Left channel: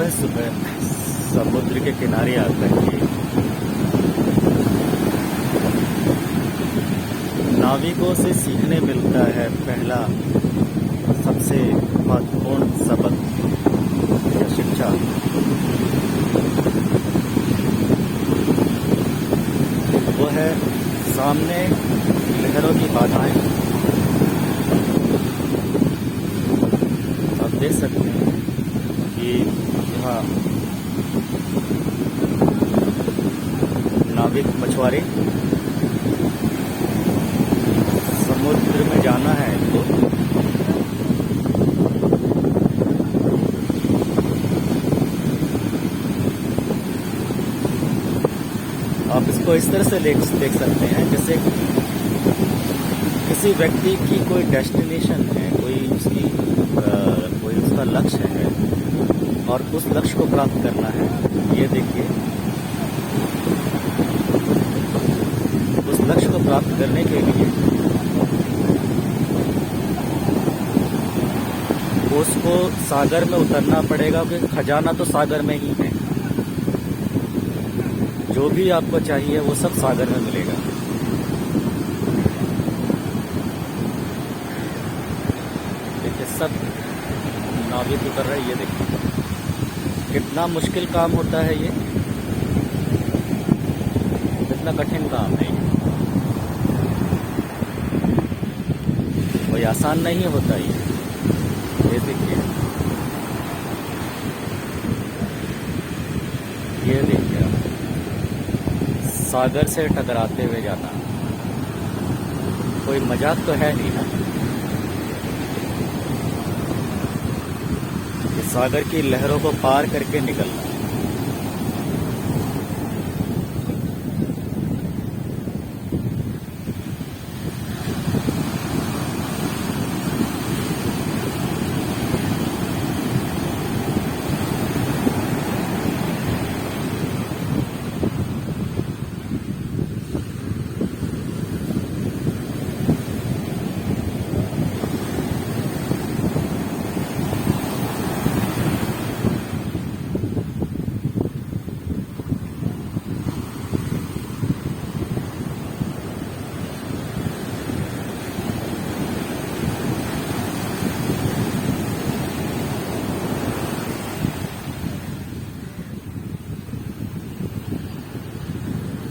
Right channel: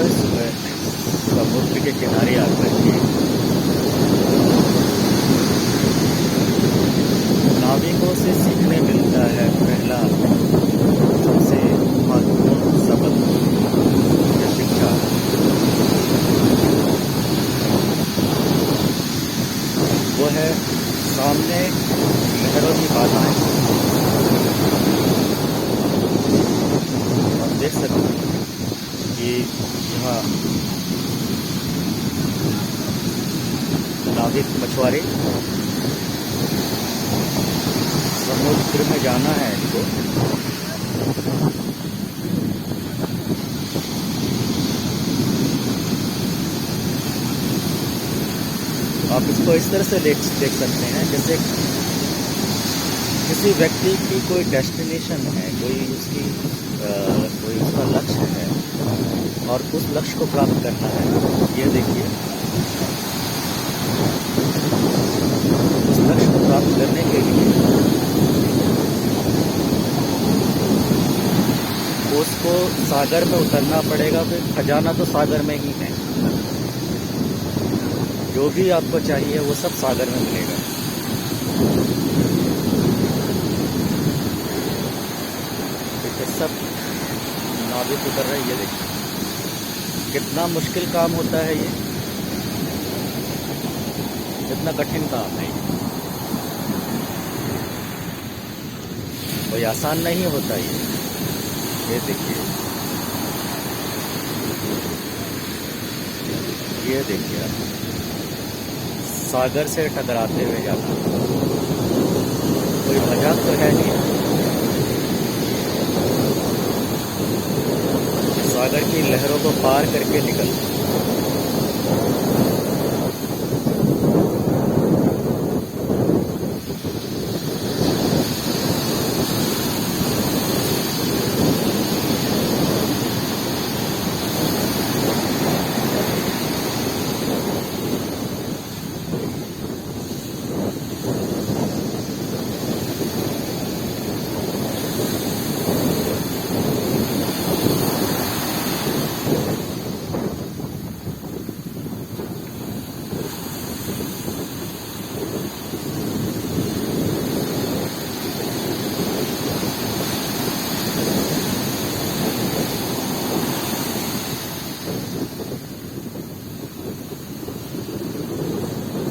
सुबह सुबह समुद्र के किनारे आकर के नाविकों से सीखने मिलता है पहला सबसे महत्वपूर्ण सबक या शिक्षा। वो है सामने लहरों की बाधाएं। आप देख सकते हैं कि यहाँ नाविक मछुआरे समुद्र में जाना है इनको, आप इसको इस तरह से देख सकते हैं जैसे किसी व्यक्ति की कोई डेस्टिनेशन है, कोई उसका लक्ष्य है और उस लक्ष्य को प्राप्त करना है। ये देखिए, उस लक्ष्य को प्राप्त करने के लिए उसको सागर में उतरना पड़ेगा, क्योंकि खजाना तो सागर में ही है। जो भी आपको चाहिए वो सब सागर में मिलेगा। देखिए सब नाविक उतर रहे हैं। ये देखिए कितना मुश्किल काम होता है, ये कितना कठिन काम है। कोई आसान नहीं होता ये देखिए, ये देखिए आप सागर से टकराते हुए जाना कोई मजाक तो है नहीं ना। सागर की लहरों को पार करके निकलना।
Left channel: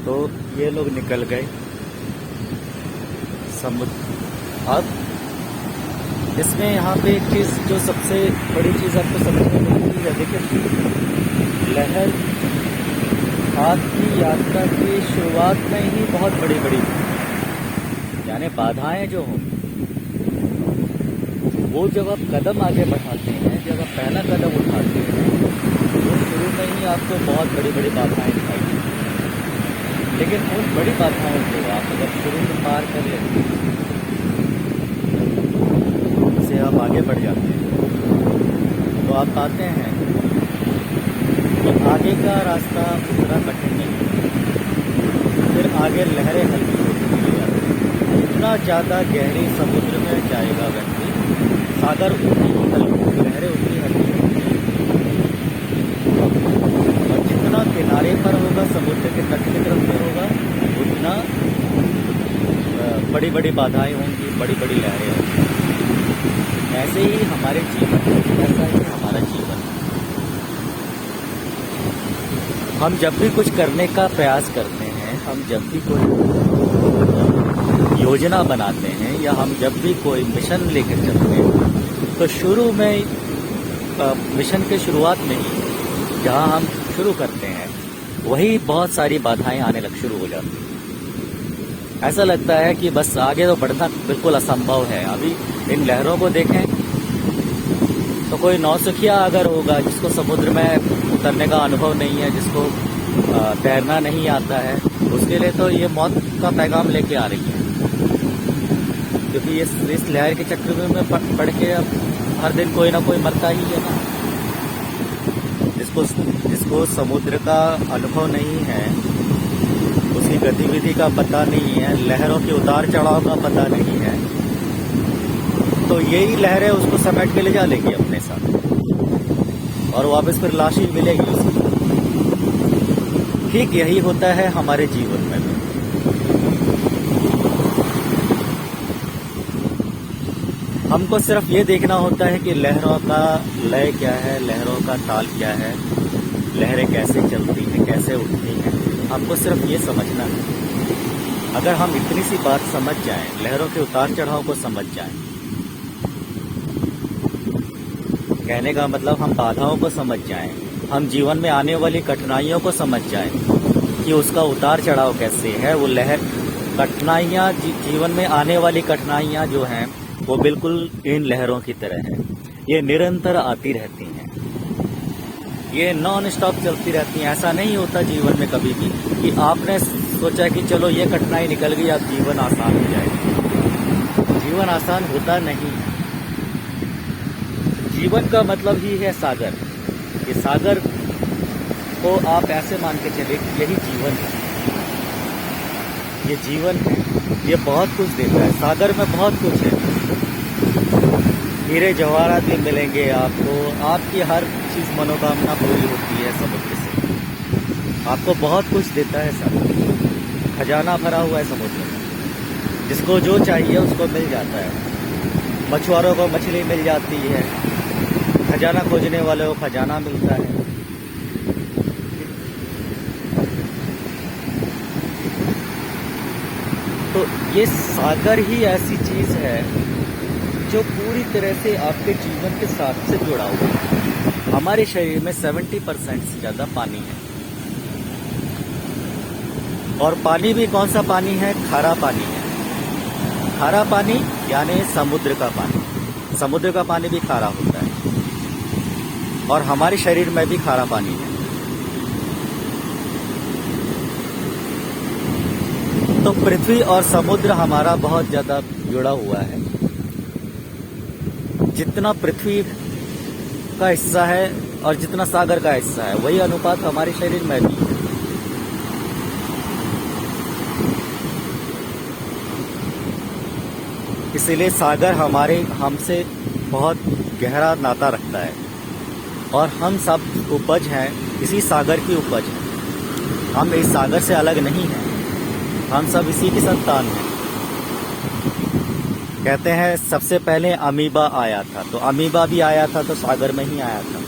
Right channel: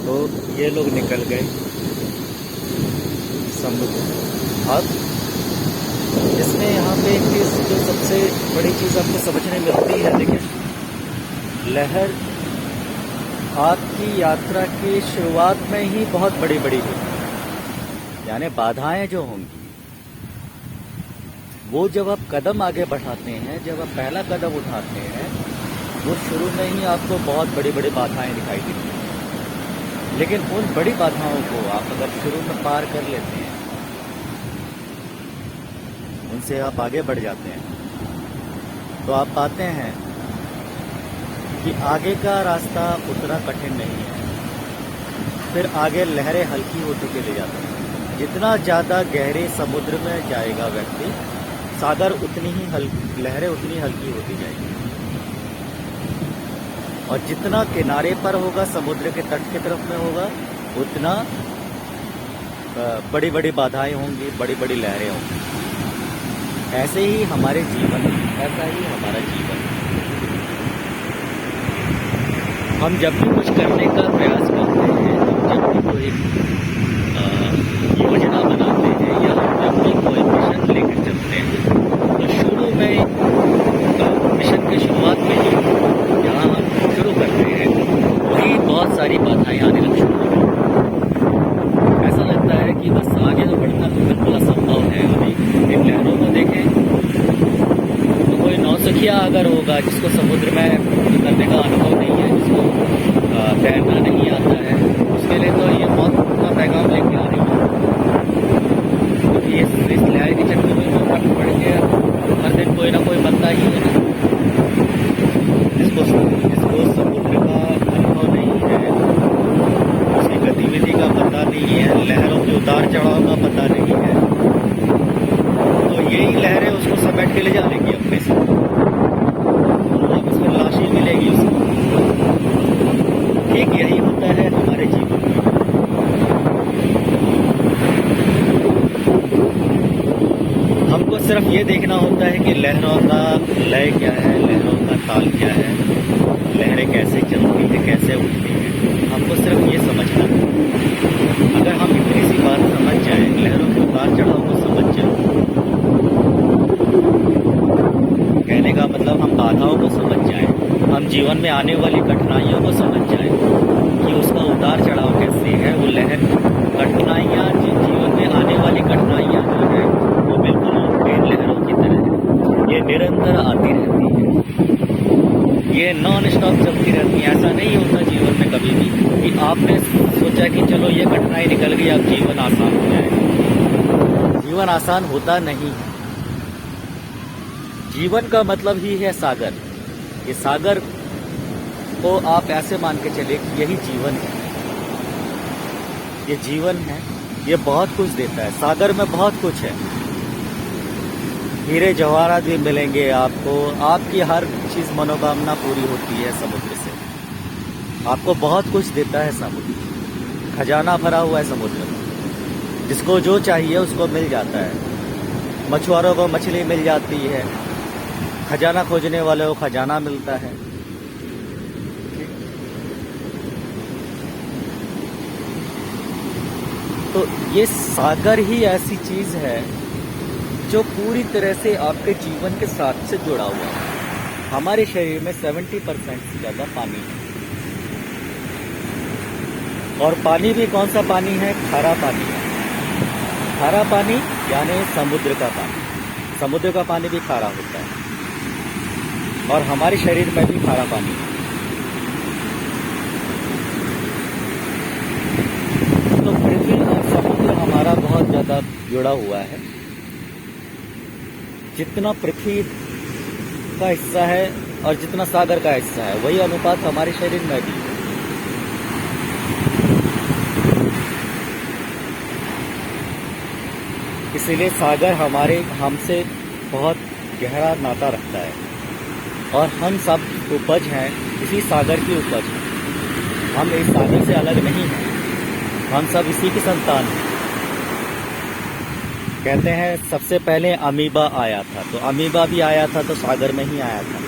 तो ये लोग निकल गए समुद्र। अब इसमें यहाँ पे एक चीज़ जो सबसे बड़ी चीज़ आपको समझने मिलती है, देखिए लहर आपकी यात्रा की शुरुआत में ही बहुत बड़ी बड़ी यानी बाधाएं जो होंगी, वो जब आप कदम आगे बढ़ाते हैं, जब आप पहला कदम उठाते हैं, वो शुरू में ही आपको बहुत बड़ी बड़ी बाधाएं दिखाई देती हैं। लेकिन उन बड़ी बाधाओं को आप अगर शुरू में पार कर लेते हैं, उनसे आप आगे बढ़ जाते हैं, तो आप पाते हैं कि आगे का रास्ता उतना कठिन नहीं है। फिर आगे लहरें हल्की होती चली जाती हैं। जितना ज़्यादा गहरे समुद्र में जाएगा व्यक्ति, सागर उतनी ही हल्की, लहरें उतनी हल्की होती जाएगी। और जितना किनारे पर होगा, समुद्र के तट की तरफ में होगा, उतना बड़ी बड़ी बाधाएं होंगी, बड़ी बड़ी लहरें होंगी। ऐसे ही हमारे जीवन में, ऐसा ही हमारा जीवन। हम जब भी कुछ करने का प्रयास करते हैं, हम जब भी कोई योजना बनाते हैं, या हम जब भी कोई मिशन लेकर चलते हैं, तो शुरू में मिशन की शुरुआत में ही जहाँ हम शुरू करते हैं, वही बहुत सारी बाधाएं आने लगती शुरू हो जाती हैं। ऐसा लगता है कि बस आगे तो बढ़ना बिल्कुल असंभव है। अभी इन लहरों को देखें तो कोई नौसिखिया अगर होगा, जिसको समुद्र में उतरने का अनुभव नहीं है, जिसको तैरना नहीं आता है, उसके लिए तो ये मौत का पैगाम लेके आ रही है। क्योंकि इस लहर के चक्कर में पड़ के हर दिन कोई ना कोई मरता ही है ना। जिसको समुद्र का अनुभव नहीं है, उसकी गतिविधि का पता नहीं है, लहरों के उतार चढ़ाव का पता नहीं है, तो यही लहरें उसको समेट के ले जा देंगी अपने साथ। और वापस फिर लाश ही मिलेगी उसको। ठीक यही होता है हमारे जीवन में। हमको सिर्फ ये देखना होता है कि लहरों का लय क्या है, लहरों का ताल क्या है, लहरें कैसे चलती हैं, कैसे उठती हैं, हमको सिर्फ ये समझना है। अगर हम इतनी सी बात समझ जाएं, लहरों के उतार चढ़ाव को समझ जाएं, कहने का मतलब हम बाधाओं को समझ जाएं, हम जीवन में आने वाली कठिनाइयों को समझ जाएं कि उसका उतार चढ़ाव कैसे है। वो लहर कठिनाइयाँ, जीवन में आने वाली कठिनाइयाँ जो है वो बिल्कुल इन लहरों की तरह है। ये निरंतर आती रहती है, ये नॉन स्टॉप चलती रहती है। ऐसा नहीं होता जीवन में कभी भी कि आपने सोचा कि चलो ये कठिनाई निकल गई, अब जीवन आसान हो जाएगा। जीवन आसान होता नहीं है। जीवन का मतलब ही है सागर। ये सागर को आप ऐसे मान के चले कि यही जीवन है। ये जीवन है, ये बहुत कुछ देता है। सागर में बहुत कुछ है। हीरे जवाहरात भी मिलेंगे आपको, आपकी हर चीज मनोकामना पूरी होती है समुद्र से। आपको बहुत कुछ देता है समुद्र, खजाना भरा हुआ है समुद्र में। जिसको जो चाहिए उसको मिल जाता है। मछुआरों को मछली मिल जाती है, खजाना खोजने वाले को खजाना मिलता है। तो ये सागर ही ऐसी चीज है जो पूरी तरह से आपके जीवन के साथ से जुड़ा हुआ है। हमारे शरीर में 70% से ज्यादा पानी है। और पानी भी कौन सा पानी है? खारा पानी है। खारा पानी यानी समुद्र का पानी। समुद्र का पानी भी खारा होता है और हमारे शरीर में भी खारा पानी है। तो पृथ्वी और समुद्र हमारा बहुत ज्यादा जुड़ा हुआ है। जितना पृथ्वी का हिस्सा है और जितना सागर का हिस्सा है, वही अनुपात हमारे शरीर में है। इसीलिए सागर हमसे बहुत गहरा नाता रखता है और हम सब उपज हैं, इसी सागर की उपज है। हम इस सागर से अलग नहीं हैं, हम सब इसी की संतान हैं। कहते हैं सबसे पहले अमीबा आया था, तो अमीबा भी आया था तो सागर में ही आया था।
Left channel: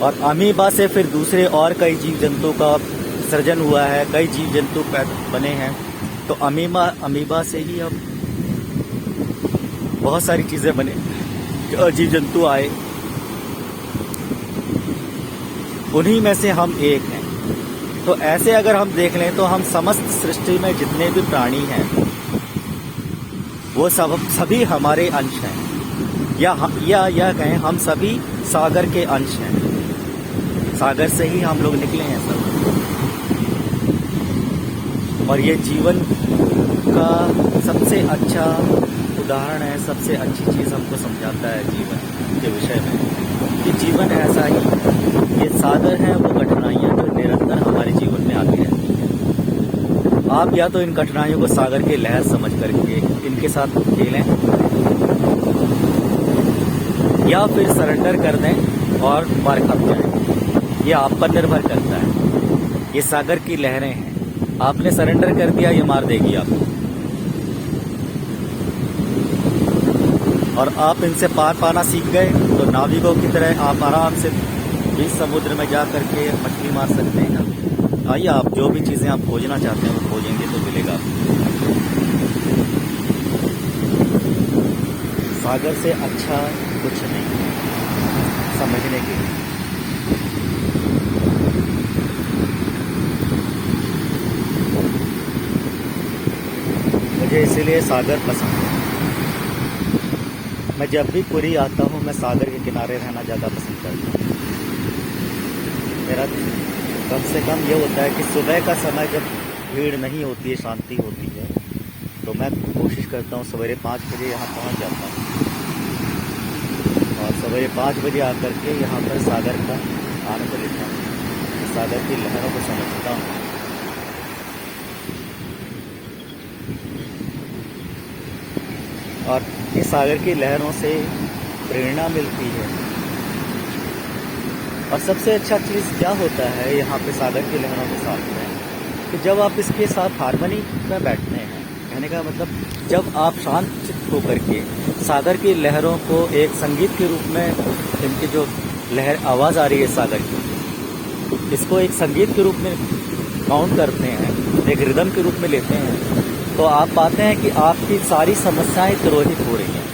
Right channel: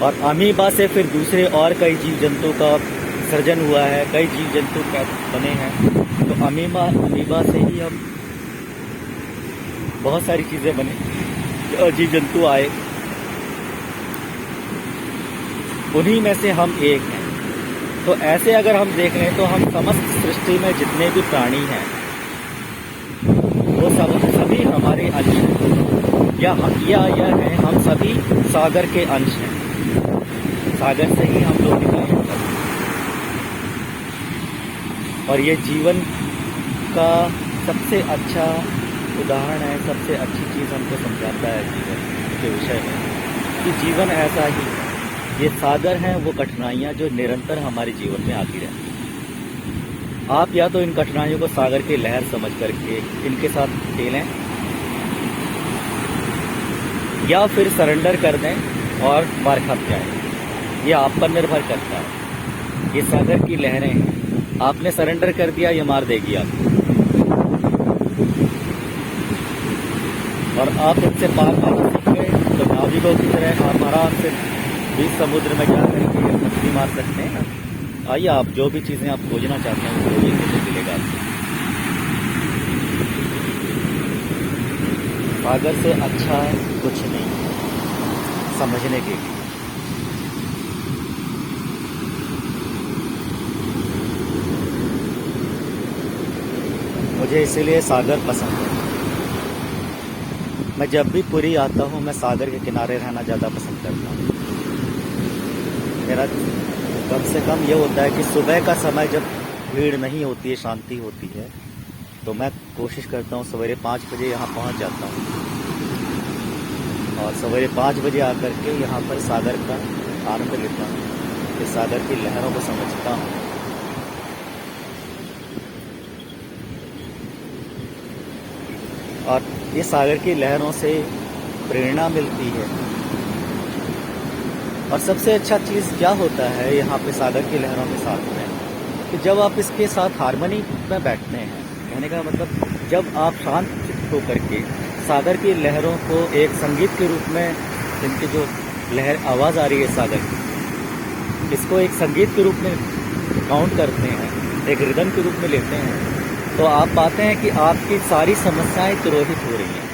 और अमीबा से फिर दूसरे और कई जीव जंतु का सृजन हुआ है, कई जीव जंतु बने हैं। तो अमीबा से ही हम बहुत सारी चीजें बने, जीव जंतु आए, उन्हीं में से हम एक हैं। तो ऐसे अगर हम देख लें तो हम समस्त सृष्टि में जितने भी प्राणी हैं वो सभी hमारे अंश हैं, या कहें हम सभी सागर के अंश हैं। सागर से ही हम लोग निकले हैं सब। और ये जीवन का सबसे अच्छा उदाहरण है, सबसे अच्छी चीज हमको समझाता है जीवन के विषय में कि जीवन ऐसा ही है। ये सागर है, वो कठिनाइयां जो निरंतर हमारे जीवन में आती रहती हैं। आप या तो इन कठिनाइयों को सागर की लहर समझ करके इनके साथ खेलें, या फिर सरेंडर कर दें और मार खा जाए। ये आप पर निर्भर करता है। ये सागर की लहरें हैं, आपने सरेंडर कर दिया, ये मार देगी आपको। और आप इनसे पार पाना सीख गए तो नाविकों की तरह आप आराम से बीच समुद्र में जा करके मछली मार सकते हैं ना। आइए, आप जो भी चीजें आप खोजना चाहते हैं वो खोजेंगे तो मिलेगा। सागर से अच्छा कुछ नहीं है समझने के लिए। मुझे इसीलिए सागर पसंद है। मैं जब भी पुरी आता हूँ मैं सागर के किनारे रहना ज़्यादा पसंद करता हूँ। मेरा कम से कम ये होता है कि सुबह का समय जब भीड़ नहीं होती है, शांति होती है, तो मैं कोशिश करता हूँ सवेरे 5 बजे यहाँ पहुँच जाता हूँ और सवेरे 5 बजे आकर के यहाँ पर सागर का आनंद लेता हूँ, इस सागर की लहरों को समझता हूँ। और ये सागर की लहरों से प्रेरणा मिलती है। और सबसे अच्छा चीज़ क्या होता है यहाँ पे सागर की लहरों के साथ में, कि जब आप इसके साथ हारमोनी में बैठते हैं, कहने का मतलब जब आप शांत चित्त होकर के सागर की लहरों को एक संगीत के रूप में, इनकी जो लहर आवाज़ आ रही है सागर की, इसको एक संगीत के रूप में काउंट करते हैं, एक रिदम के रूप में लेते हैं, तो आप पाते हैं कि आपकी सारी समस्याएं तिरोहित हो रही हैं।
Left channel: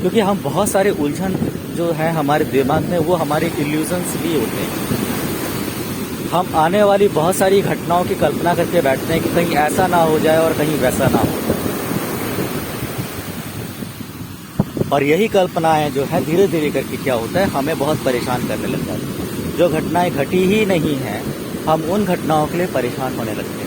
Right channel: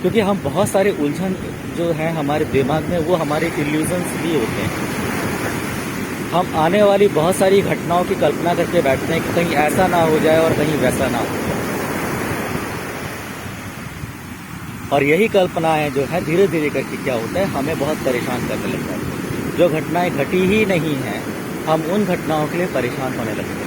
क्योंकि हम बहुत सारे उलझन जो है हमारे दिमाग में, वो हमारे इल्यूजन्स भी होते हैं। हम आने वाली बहुत सारी घटनाओं की कल्पना करके बैठते हैं कि कहीं ऐसा ना हो जाए और कहीं वैसा ना हो जाए, और यही कल्पनाएं जो है धीरे धीरे करके क्या होता है, हमें बहुत परेशान करने लगता है। जो घटनाएं घटी ही नहीं हैं, हम उन घटनाओं के लिए परेशान होने लगते हैं।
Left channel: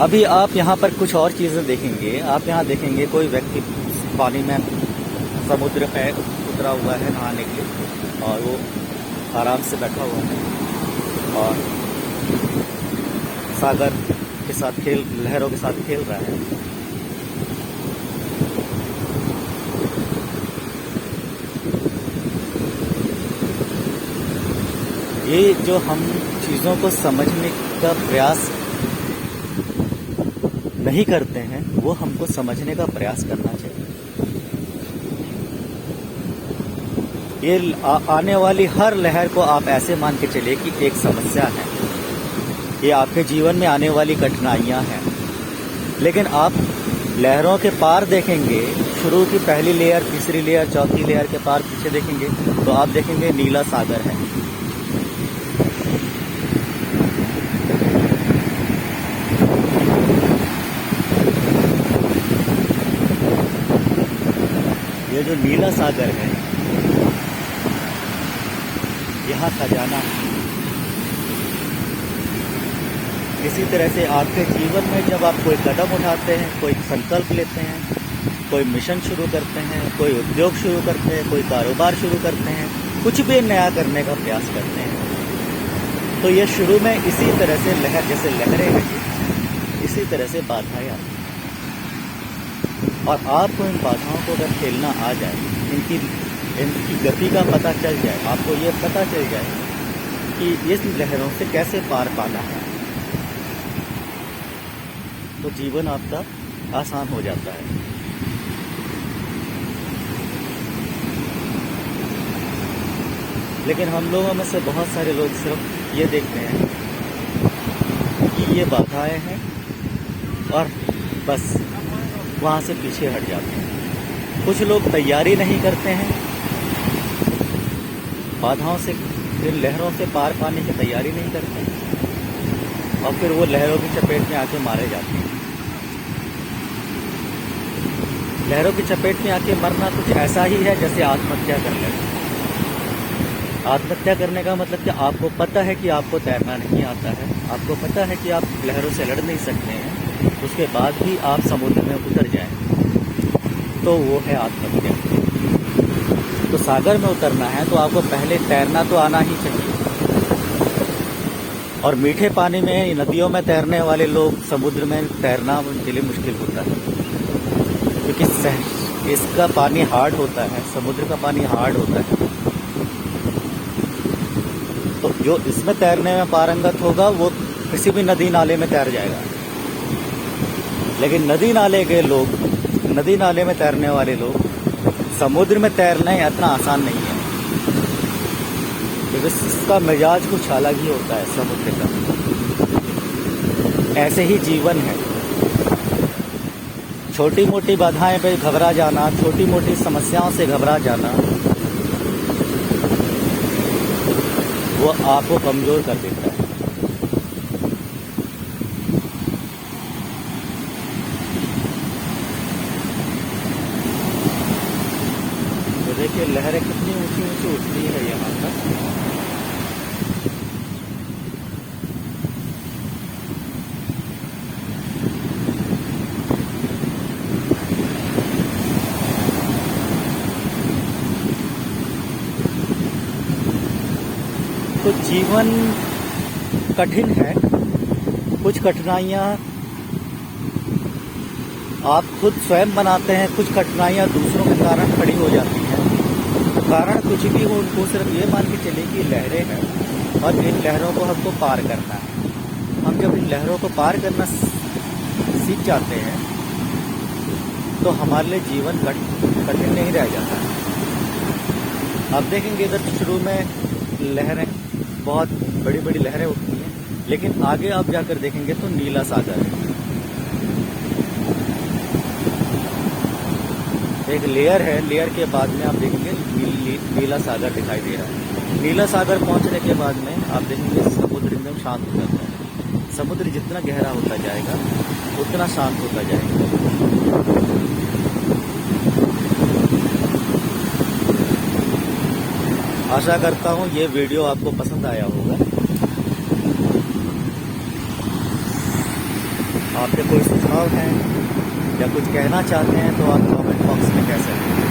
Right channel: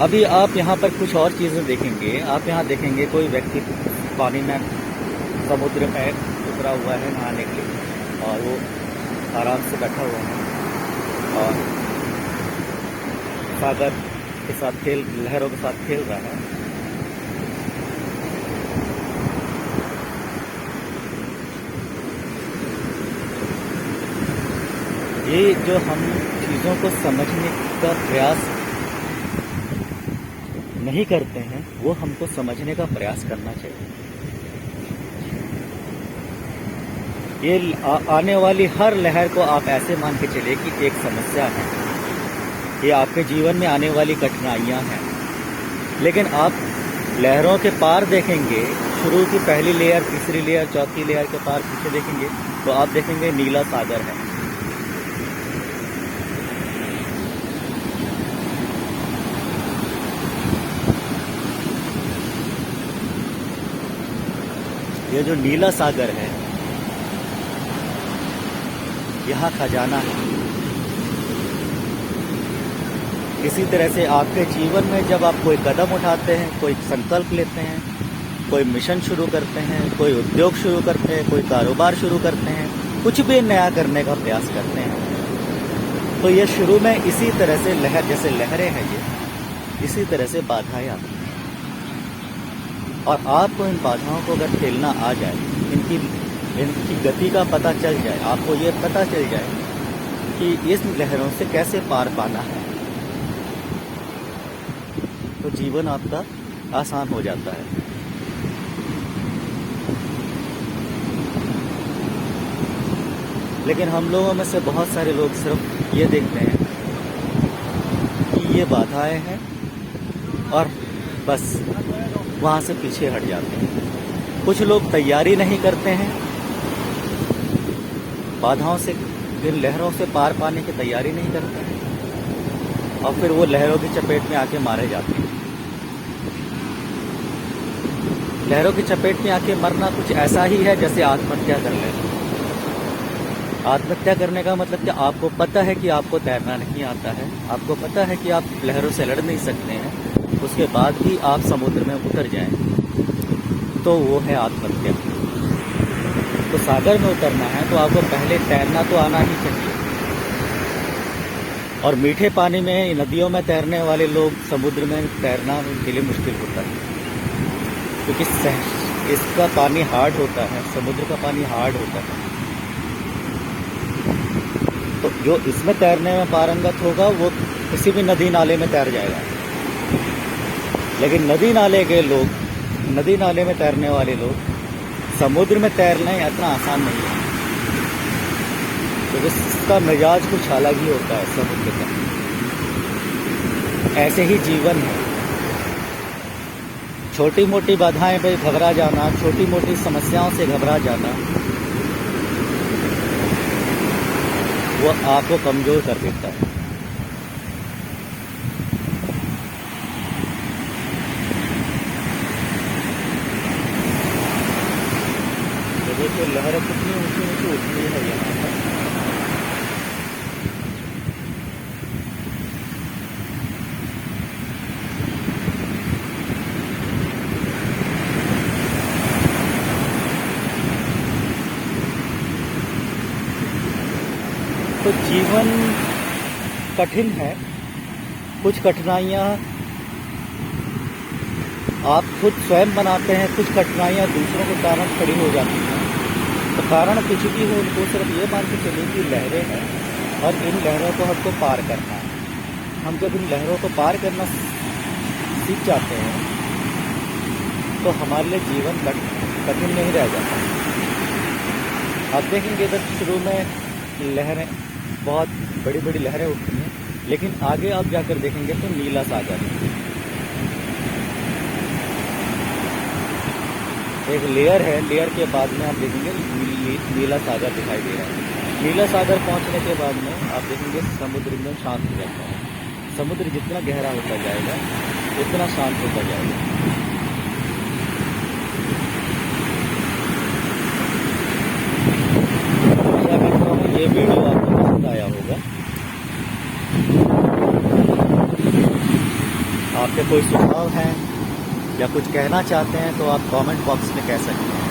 अभी आप यहाँ पर कुछ और चीज़ें देखेंगे। आप यहाँ देखेंगे कोई व्यक्ति पानी में, समुद्र में उतरा हुआ है नहाने के लिए, और वो आराम से बैठा हुआ है और सागर के साथ लहरों के साथ खेल रहा है। ये जो हम चीज़ों को समझने का प्रयास नहीं करते हैं, वो हमको समझने का प्रयास करना चाहिए। ये आने वाली हर लहर को आप ऐसे मान के चलिए कि एक समस्या है, ये आपके जीवन में आने वाली कठिनाइयाँ हैं। लेकिन आप लहरों के पार देखेंगे, शुरू की पहली लेयर, तीसरी लेयर, चौथी लेयर के पार पीछे देखेंगे तो आप देखेंगे नीला सागर है। ये जो नीला सागर है, यहाँ खजाना है। इसी तरह से आपके जीवन में जब आप कोई कदम उठाते हैं, कोई संकल्प लेते हैं, कोई मिशन शुरू करते हैं, कोई उद्योग शुरू करते हैं, कोई कारोबार शुरू करते हैं, कुछ भी नया करने का प्रयास करते हैं, तो ये शुरू में इसी तरह से लहर, जैसे लहरें हैं ये, इसी तरह से बाधाएं आती हैं। और आपको इन बाधाओं को अगर खेलना आ जाए, इनकी गति का पता चल जाए, आपको ये पता चल जाए कि इस लहरों से कैसे पार पाना है, तो जीवन आपका आसान हो जाता है। लेकिन हम लोगों में से बहुत सारे लोग सिर्फ ये देखते हैं कि ये बाधाएं हैं और बस वहाँ से पीछे हट जाते हैं। कुछ लोग तैयारी नहीं करते हैं, बाधाओं से, इन लहरों से पार पाने की तैयारी नहीं करते हैं, और फिर वो लहरों की चपेट में आके मारे जाते हैं। लहरों की चपेट में आके मरना कुछ ऐसा ही है जैसे आत्महत्या कर लेना। आत्महत्या करने का मतलब कि आपको पता है कि आपको तैरना नहीं आता है, आपको पता है कि आप लहरों से लड़ नहीं सकते हैं, उसके बाद भी आप समुद्र में उतर जाएं, तो वो है आत्महत्या। तो सागर में उतरना है तो आपको पहले तैरना तो आना ही चाहिए। और मीठे पानी में, नदियों में तैरने वाले लोग समुद्र में तैरना उनके लिए मुश्किल होता है, क्योंकि इसका पानी हार्ड होता है, समुद्र का पानी हार्ड होता है। तो जो इसमें तैरने में पारंगत होगा वो किसी भी नदी नाले में तैर जाएगा। लेकिन नदी नाले में तैरने वाले लोग समुद्र में तैरना इतना आसान नहीं है, क्योंकि इसका मिजाज कुछ अलग ही होता है समुद्र का। ऐसे ही जीवन है, छोटी मोटी बाधाएं पे घबरा जाना, छोटी मोटी समस्याओं से घबरा जाना, वो आपको कमजोर कर देता है। तो देखिए लहरें कितनी ऊंची ऊंची उठती है यहाँ पर। तो जीवन कठिन है, कुछ कठिनाइयाँ आप खुद स्वयं बनाते हैं, कुछ कठिनाइयाँ दूसरों के कारण खड़ी हो जाती हैं। तो कारण कुछ भी हो, उनको सिर्फ ये मान के चलिए कि लहरें हैं और इन लहरों को हमको पार करना है। हम जब इन लहरों को पार करना सीख जाते हैं तो हमारे लिए जीवन कठिन नहीं रह जाता। आप देखेंगे इधर शुरू में लहरें, बहुत बड़ी बड़ी लहरें उठती हैं, लेकिन आगे आप जाकर देखेंगे तो नीला सागर है। एक लेयर है, लेयर के बाद में आप देखेंगे नीला सागर दिखाई दे रहा है। नीला सागर पहुंचने के बाद में आप देखेंगे समुद्र एकदम शांत हो जाता है। समुद्र जितना गहरा होता जाएगा उतना शांत होता जाएगा। आशा करता हूँ ये वीडियो आपको पसंद आया होगा। आपके कोई सुझाव हैं या कुछ कहना चाहते हैं तो आप कमेंट बॉक्स में कह सकते हैं।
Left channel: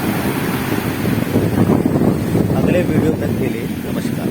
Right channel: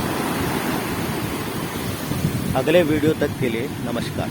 अगले वीडियो तक के लिए नमस्कार।